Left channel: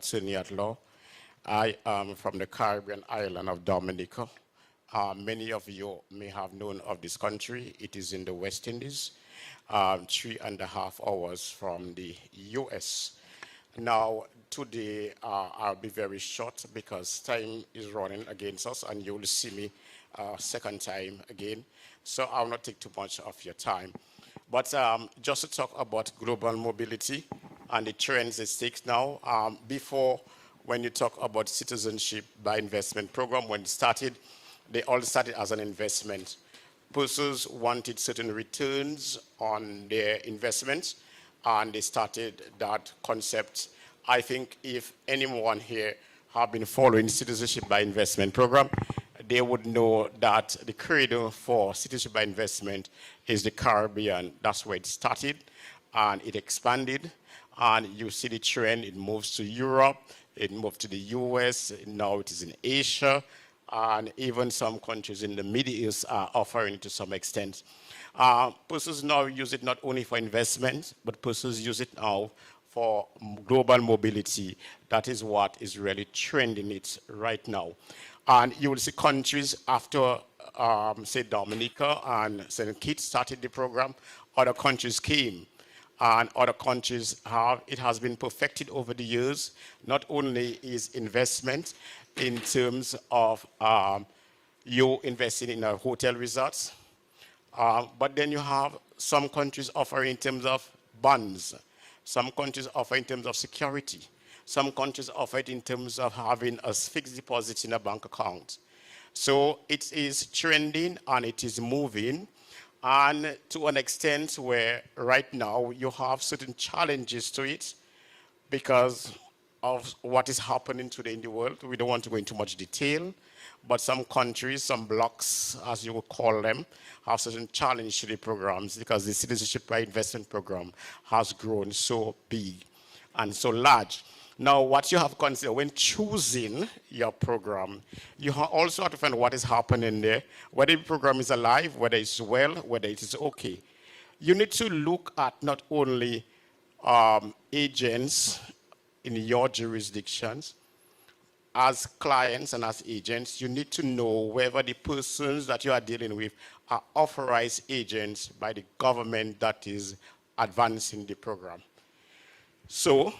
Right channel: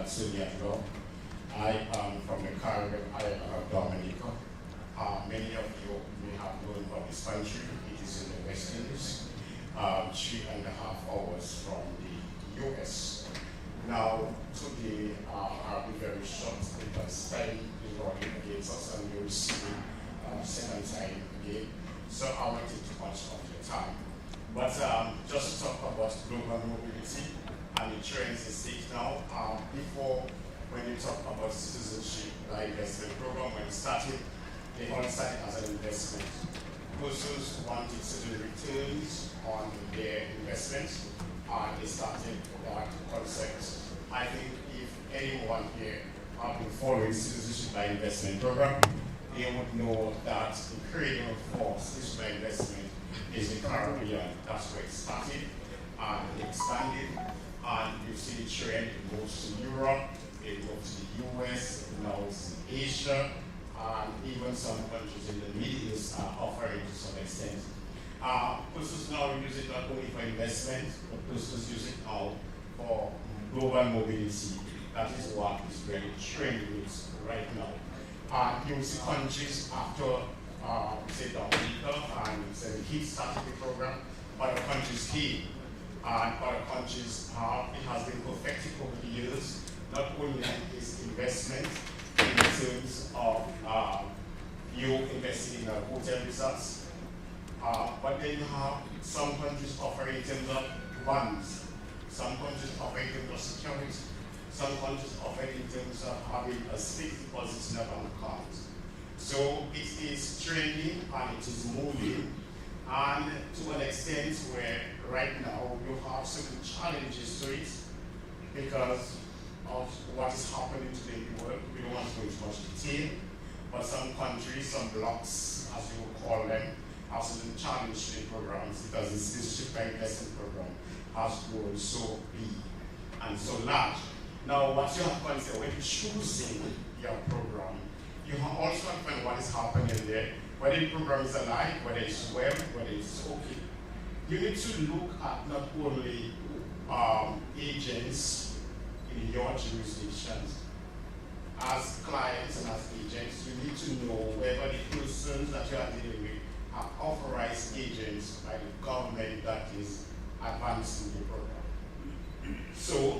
attorney at law. I am from the Caribbean island of Dominica. Many of you may have known of this country. It is in the West Indies, 3.5 hours from the US. Now, today I'll be very short because time is running against us and you will see me second time again. So I will not take too much of your time. But just to talk about global mobility and the trends it takes now, before when you talk about citizenship by investment program, when it started, they all started as an investment. Persons wanted certain returns on their investment, and they started that concept. I think if anyone here have been following citizenship by investment program, they would know that the cradle for citizenship by investment is the Caribbean. That's where it started, and it expanded, and you see the trend. It moves to Europe, it moved to the US, now it is in Asia, and even some countries in the Middle East are offering it to some extent. Persons now use it not only for investment, but persons use it now for global mobility. That is what is really trending it right now. And you will see countries after, say, Dominica and St. Kitts started the program, other countries came, and other countries it has been perfected over the years. Not only is investment in terms of you investing in a hotel resorts, but then you have some countries offering in terms of bonds, some countries offer in terms of security, some countries offer it in terms of having a fixed deposit in a bank account. So it is trending and it is moving, and to an extent where right now you have certain challenges to it because of what is happening today in the world. We don't want to go into much detail, but some countries, some blocks, as you would call them, have certain challenge to the programs because the citizenship by investment program has grown so big and so large. Now, what you have to consider when choosing your program, you also have to find what is happening there, whether the program is alive, whether it's well, whether it's okay. You need to look at not only agents in your jurisdictions. As clients and as agents, you need to know whether the persons that you are dealing with are authorized agents by the government that is advancing the program. So,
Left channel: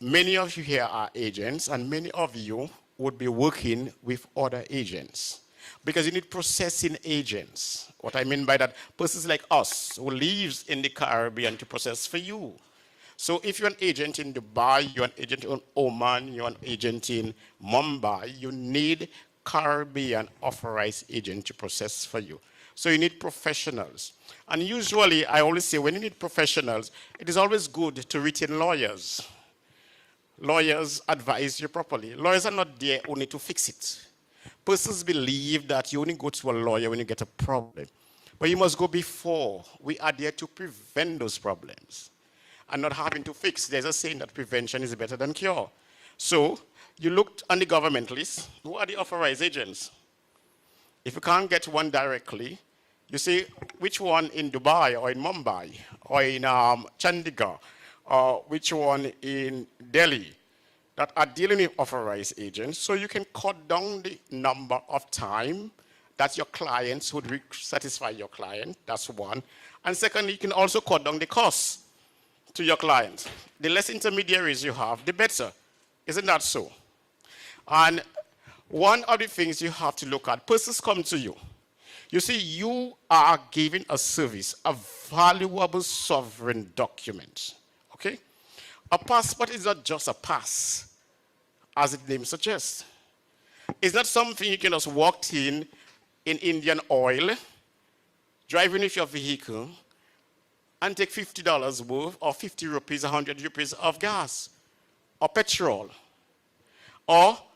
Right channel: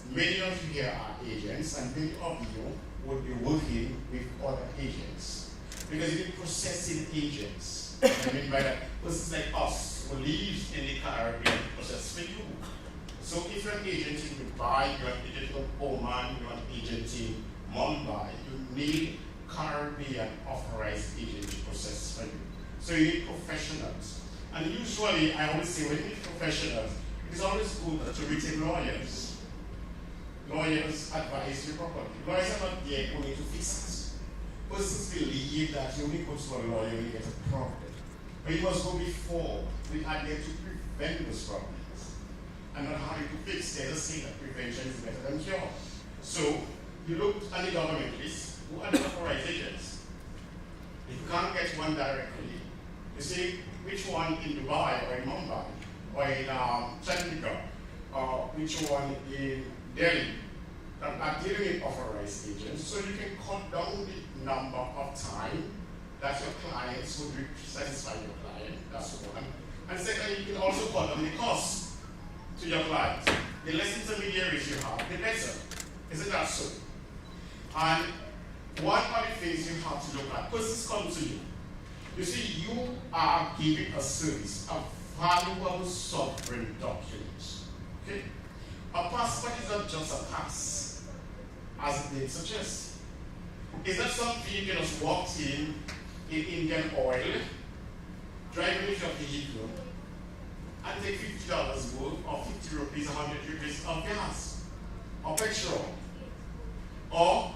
many of you here are agents, and many of you would be working with other agents because you need processing agents. What I mean by that, persons like us who lives in the Caribbean to process for you. So if you're an agent in Dubai, you're an agent in Oman, you're an agent in Mumbai, you need Caribbean authorized agent to process for you. So you need professionals. And usually, I always say, when you need professionals, it is always good to retain lawyers. Lawyers advise you properly. Lawyers are not there only to fix it. Persons believe that you only go to a lawyer when you get a problem. But you must go before. We are there to prevent those problems and not having to fix. There's a saying that prevention is better than cure. So you looked on the government list. Who are the authorized agents? If you can't get one directly, you see which one in Dubai or in Mumbai or in Chandigarh or which one in Delhi that are dealing with authorized agents, so you can cut down the number of time that your clients would satisfy your client. That's one. And secondly, you can also cut down the cost to your clients. The less intermediaries you have, the better. Isn't that so? And one of the things you have to look at, persons come to you. You see, you are giving a service, a valuable sovereign document. Okay? A passport is not just a pass, as the name suggests. It's not something you can just walk in Indian Oil, driving with your vehicle, and take $50 worth, or 50 rupees, 100 rupees of gas, or petrol. Or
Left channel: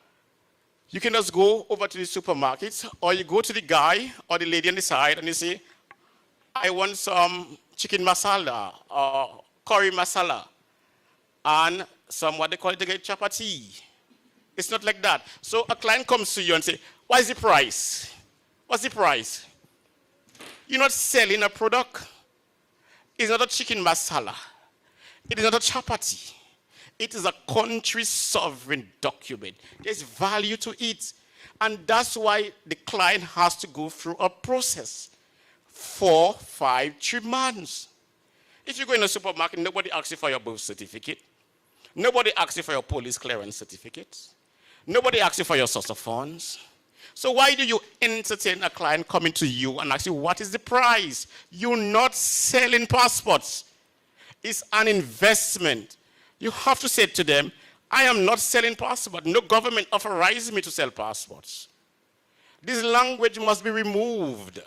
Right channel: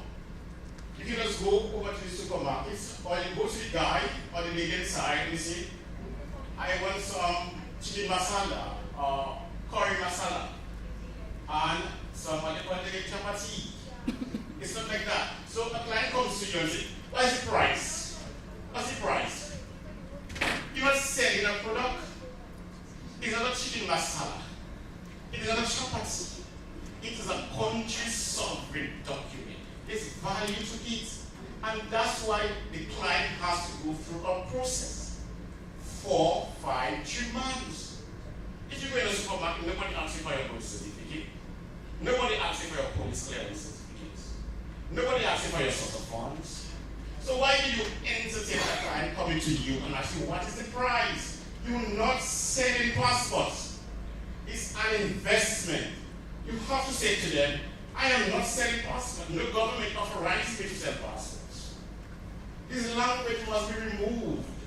you can just go over to the supermarket, or you go to the guy or the lady on the side and you say, I want some chicken masala, or curry masala, and some what they call it again, chapati. It's not like that. So a client comes to you and says, what is the price? What's the price? You're not selling a product. It's not a chicken masala. It is not a chapati. It is a country's sovereign document. There's value to it. And that's why the client has to go through a process. 4, 5, 3 months. If you go in a supermarket, nobody asks you for your birth certificate. Nobody asks you for your police clearance certificate. Nobody asks you for your source of funds. So why do you entertain a client coming to you and ask you, what is the price? You're not selling passports. It's an investment. You have to say to them, I am not selling passports. No government authorized me to sell passports. This language must be removed.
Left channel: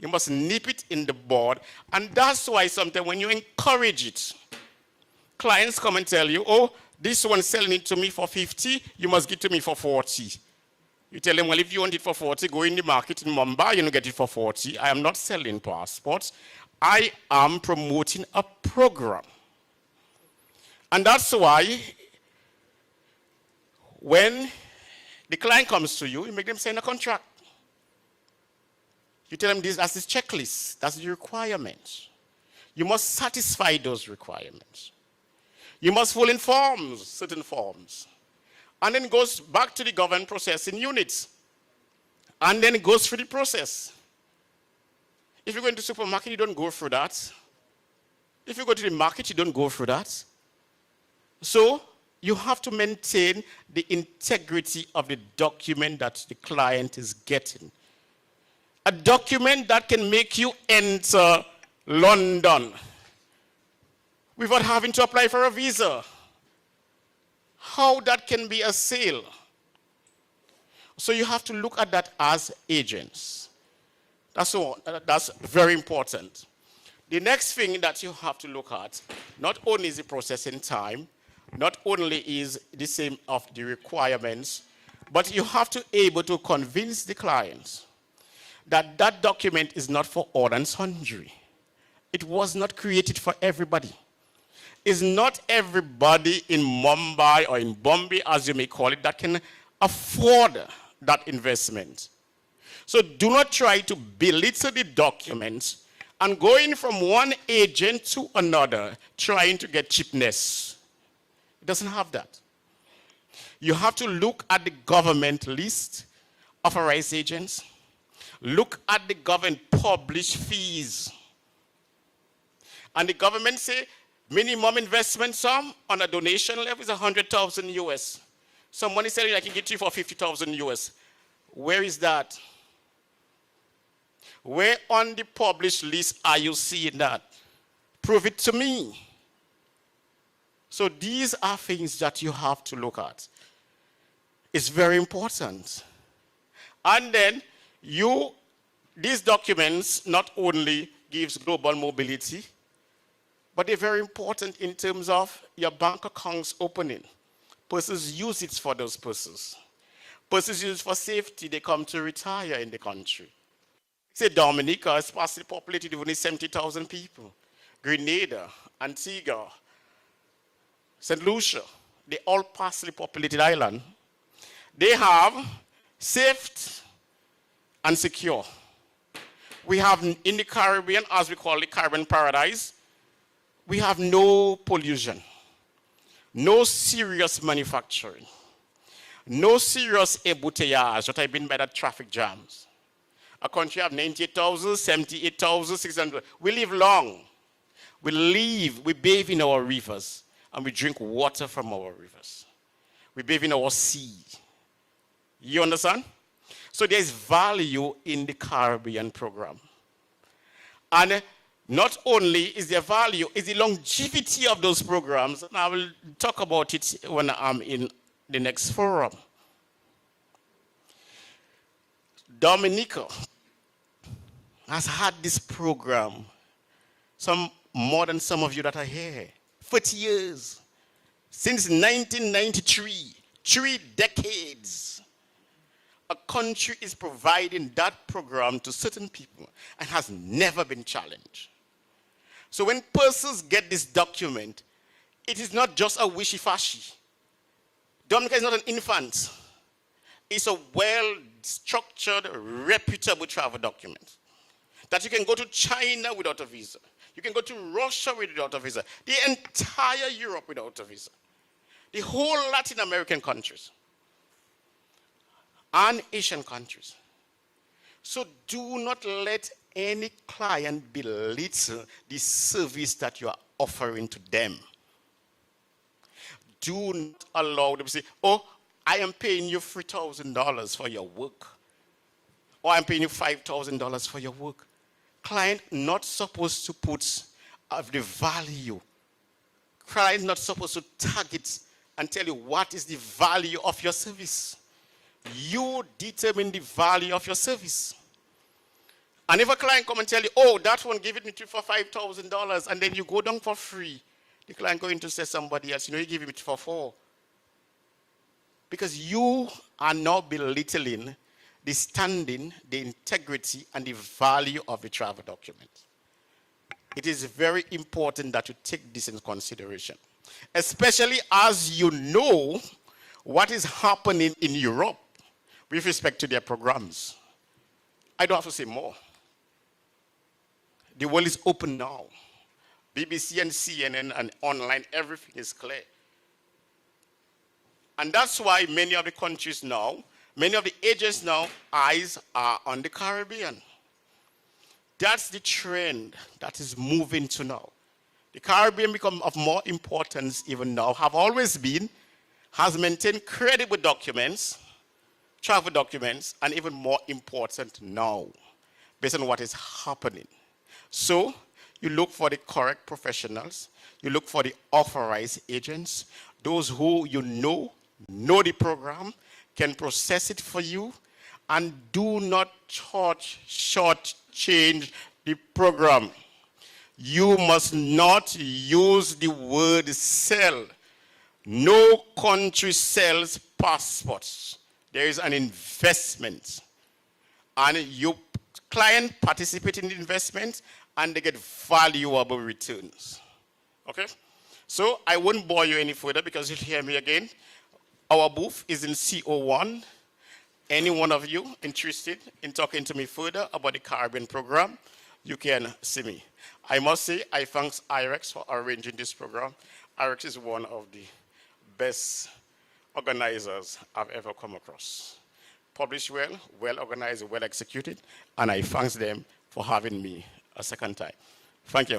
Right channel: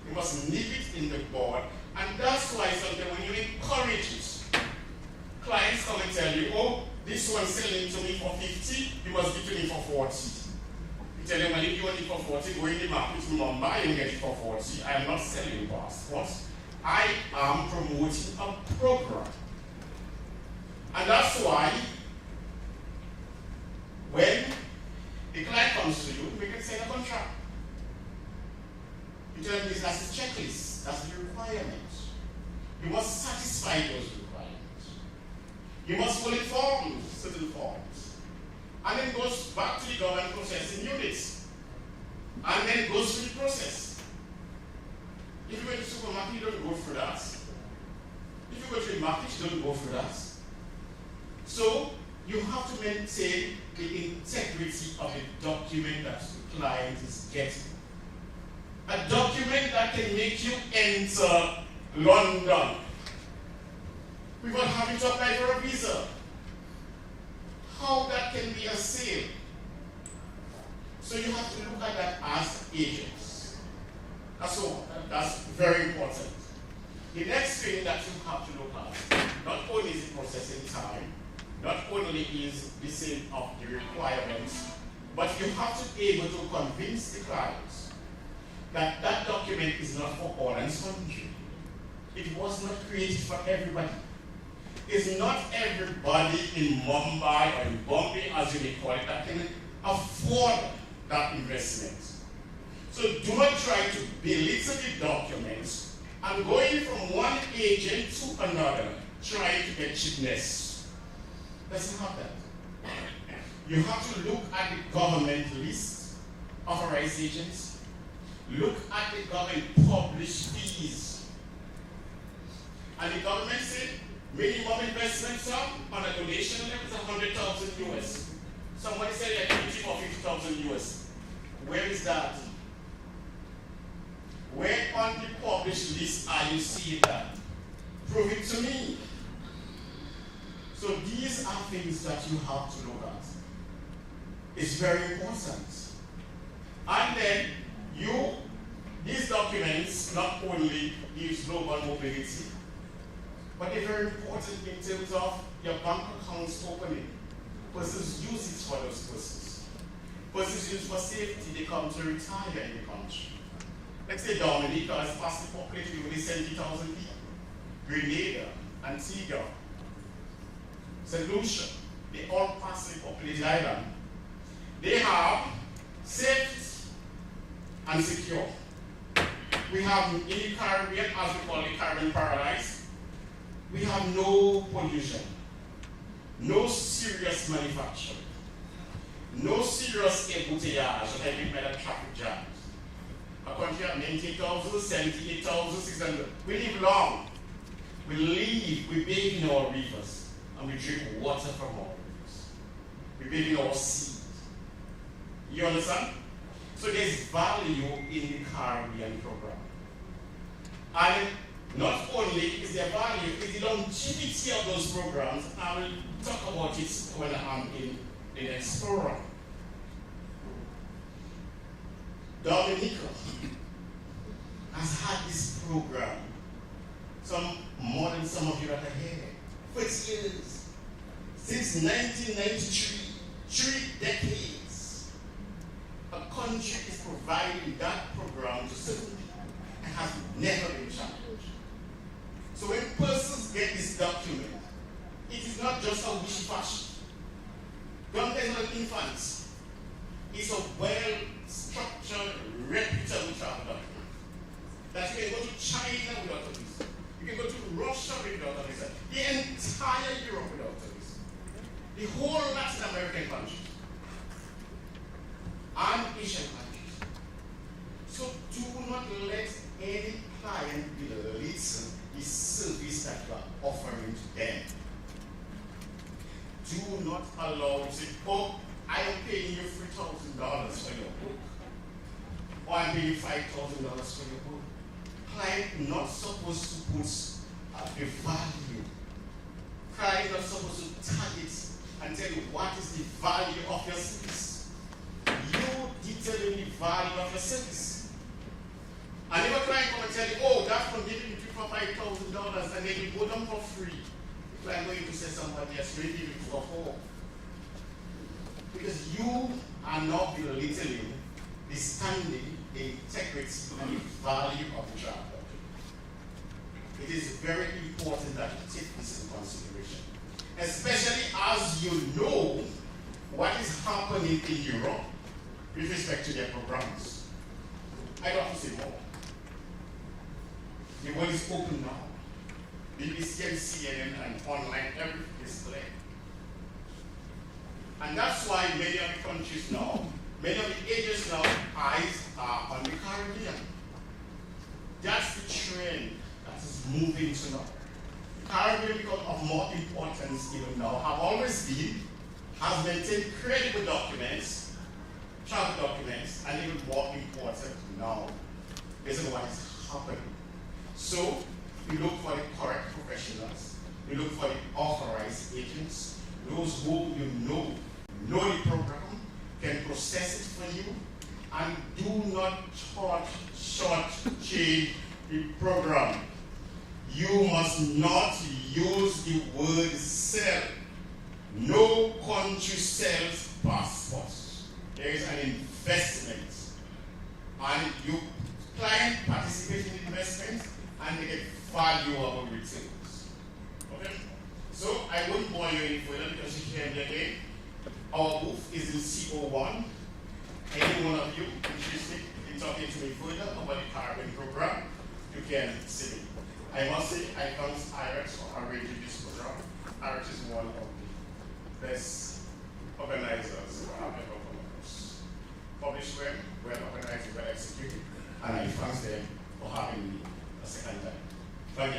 You must nip it in the bud. And that's why sometimes when you encourage it, clients come and tell you, oh, this one's selling it to me for 50, you must give it to me for 40. You tell them, well, if you want it for 40, go in the market in Mumb, you don't get it for 40. I am not selling passports. I am promoting a program. And that's why when the client comes to you, you make them sign a contract. You tell them this as his checklist, that's the requirements. You must satisfy those requirements. You must fill in forms, certain forms. And then it goes back to the government processing units. And then it goes through the process. If you go to the supermarket, you don't go through that. If you go to the market, you don't go through that. So you have to maintain the integrity of the document that the client is getting. A document that can make you enter London without having to apply for a visa. How that can be a sale. So you have to look at that as agents. That's all. That's very important. The next thing that you have to look at, not only is the processing time, not only is the same of the requirements, but you have to be able to convince the clients that that document is not for all and sundry. It was not created for everybody. It's not everybody in Mumbai or in Bombay, as you may call it, that can afford that investment. So do not try to belittle the documents and going from one agent to another, trying to get cheapness. It doesn't have that. You have to look at the government list, authorized agents. Look at the government published fees. And the government say minimum investment sum on a donation level is 100,000 US. Somebody said I give it to you for 50,000 US. Where is that? Where on the published list are you seeing that? Prove it to me. So these are things that you have to look at. It's very important. And then these documents not only gives global mobility, but they're very important in terms of your bank accounts opening. Persons use it for those purposes. Persons use it for safety, they come to retire in the country. Let's say Dominica is sparsely populated with only 70,000 people. Grenada, Antigua, St. Lucia, they all sparsely populated island. They have safe and secure. We have in the Caribbean, as we call the Caribbean paradise, we have no pollution, no serious manufacturing, no serious embouteillage, what I mean by that traffic jams. A country of 98,000, 78,600. We live long. We bathe in our rivers, and we drink water from our rivers. We bathe in our sea. You understand? So there's value in the Caribbean program. And not only is there value, it's the longevity of those programs, and I will talk about it when I'm in the next forum. Dominica has had this program, more than some of you that are here, 40 years. Since 1993, 3 decades, a country is providing that program to certain people and has never been challenged. So when persons get this document, it is not just a wishy-washy. Dominica is not an infant. It's a well-structured, reputable travel document that you can go to China without a visa. You can go to Russia without a visa. The entire Europe without a visa. the whole Latin American countries and Asian countries. So do not let any client belittle the service that you are offering to them. Do not allow them to say, oh, I am paying you $3,000 for your work. Or I'm paying you $5,000 for your work. Client not supposed to put the value. Client not supposed to target and tell you what is the value of your service. You determine the value of your service. And if a client come and tell you, oh, that one give it me for $5,000, and then you go down for free, the client going to say somebody else, you give it for $4,000. Because you are not belittling the standing, the integrity, and the value of the travel document. It is very important that you take this into consideration, especially as you know what is happening in Europe with respect to their programs. I don't have to say more. The world is open now. BBC and CNN and online, everything is clear. And that's why many of the countries now, many of the agents now, eyes are on the Caribbean. That's the trend that is moving to now. The Caribbean become of more importance even now, have always been, has maintained credible documents, travel documents, and even more important now, based on what is happening. So, you look for the correct professionals, you look for the authorized agents, those who you know the program, can process it for you, and do not shortchange the program. You must not use the word sell. No country sells passports. There is an investment. And your client participates in the investment and they get valuable returns. Okay? So I won't bore you any further because you'll hear me again. Our booth is in CO1. Any one of you interested in talking to me further about the Caribbean program, you can see me. I must say, I thank IREX for arranging this program. IREX is one of the best organizers I've ever come across. Published well, well organized, well executed, and I thank them for having me a second time. Thank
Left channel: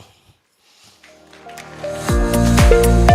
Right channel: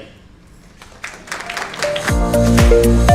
you.